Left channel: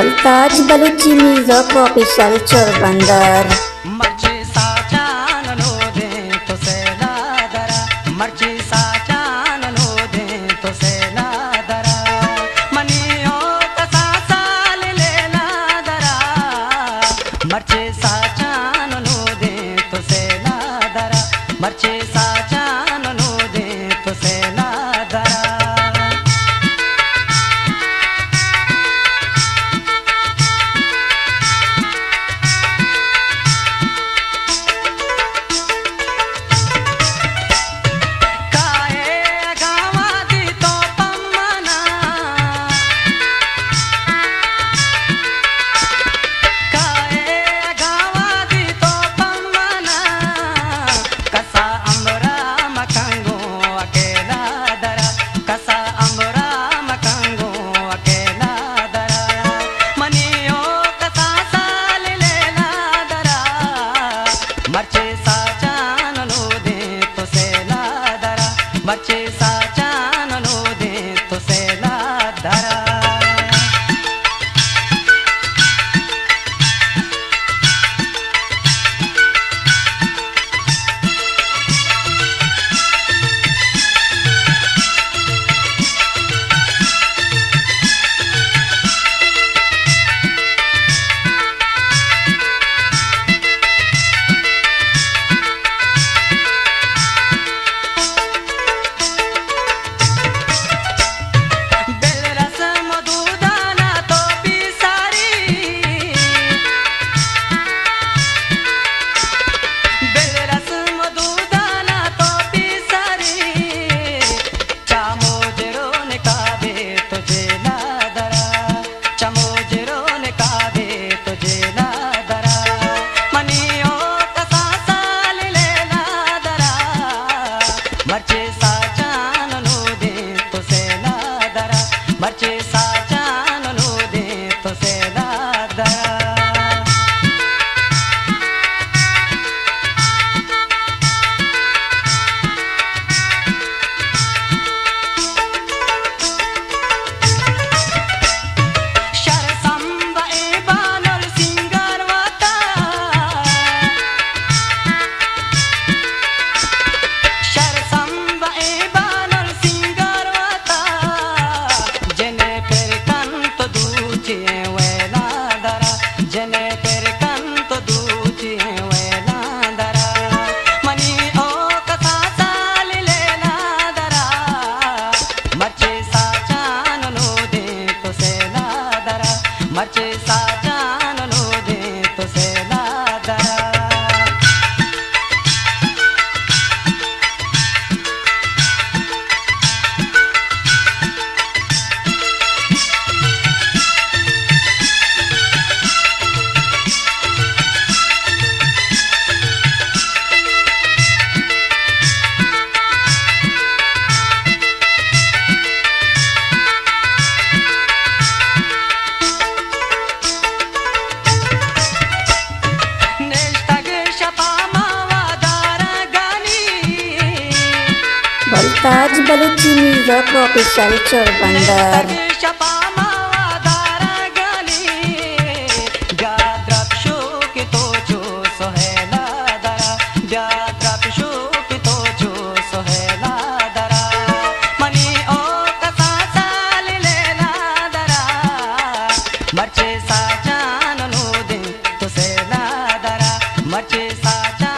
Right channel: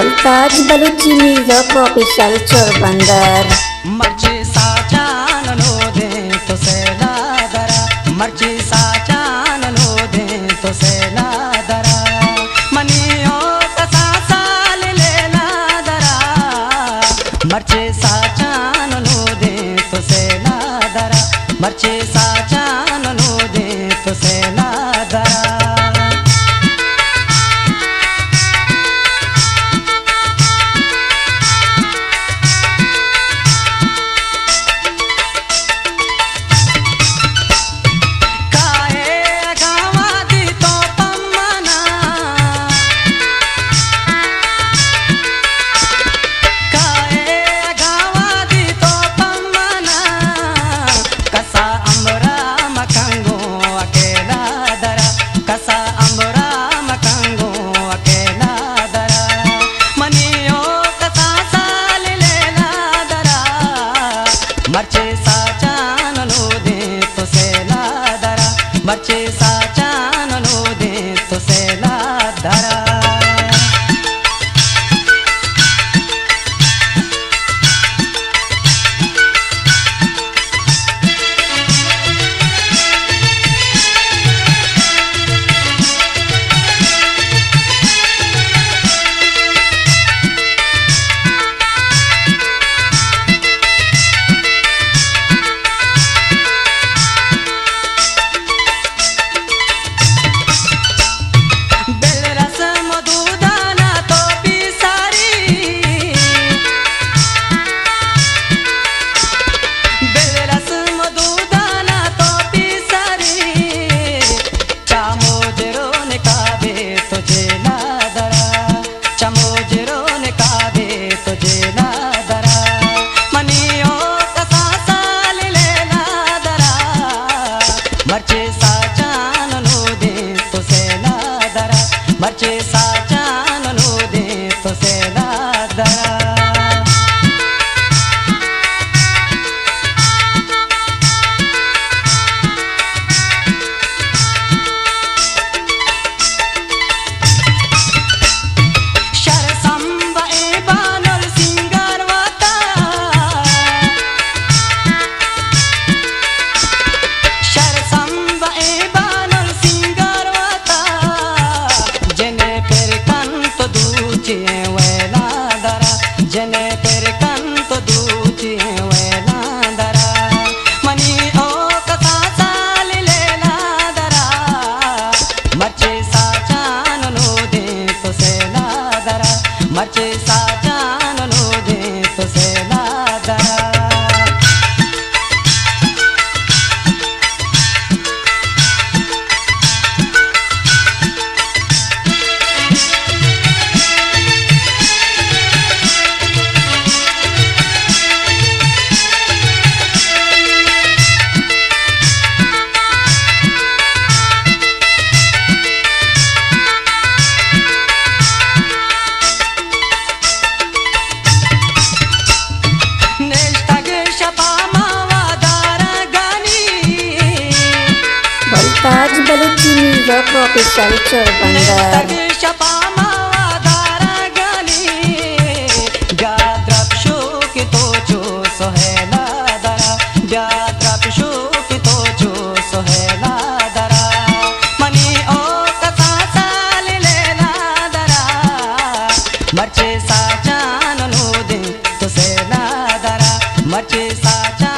मुल्ताज Balochi music official चोरबंदर। मर्ची साचा no दे तो से ना दरा, मर्ची साचा नो दे तो से ना दरा, मनियो कसा साल ले ना दरा, मर्ची साचा नो दे तो से ना दरा, मर्ची साचा नो दे तो से ना दरा। मर्ची साचा नो दे तो से ना दरा, मर्ची साचा नो दे तो से ना दरा। मर्ची साचा नो दे तो से ना दरा, मर्ची साचा नो दे तो से ना दरा। जने तेरे कंत दूची वे ना दरा, मनी ओ कथा साल ले ना दरा, मर्ची साचा नो दे तो से ना दरा, मर्ची साचा नो दे तो से ना दरा। मुल्ताज बलूची म्यूजिक ऑफिशियल चोरबंदर। मर्ची साचा नो दे तो से ना दरा, मर्ची साचा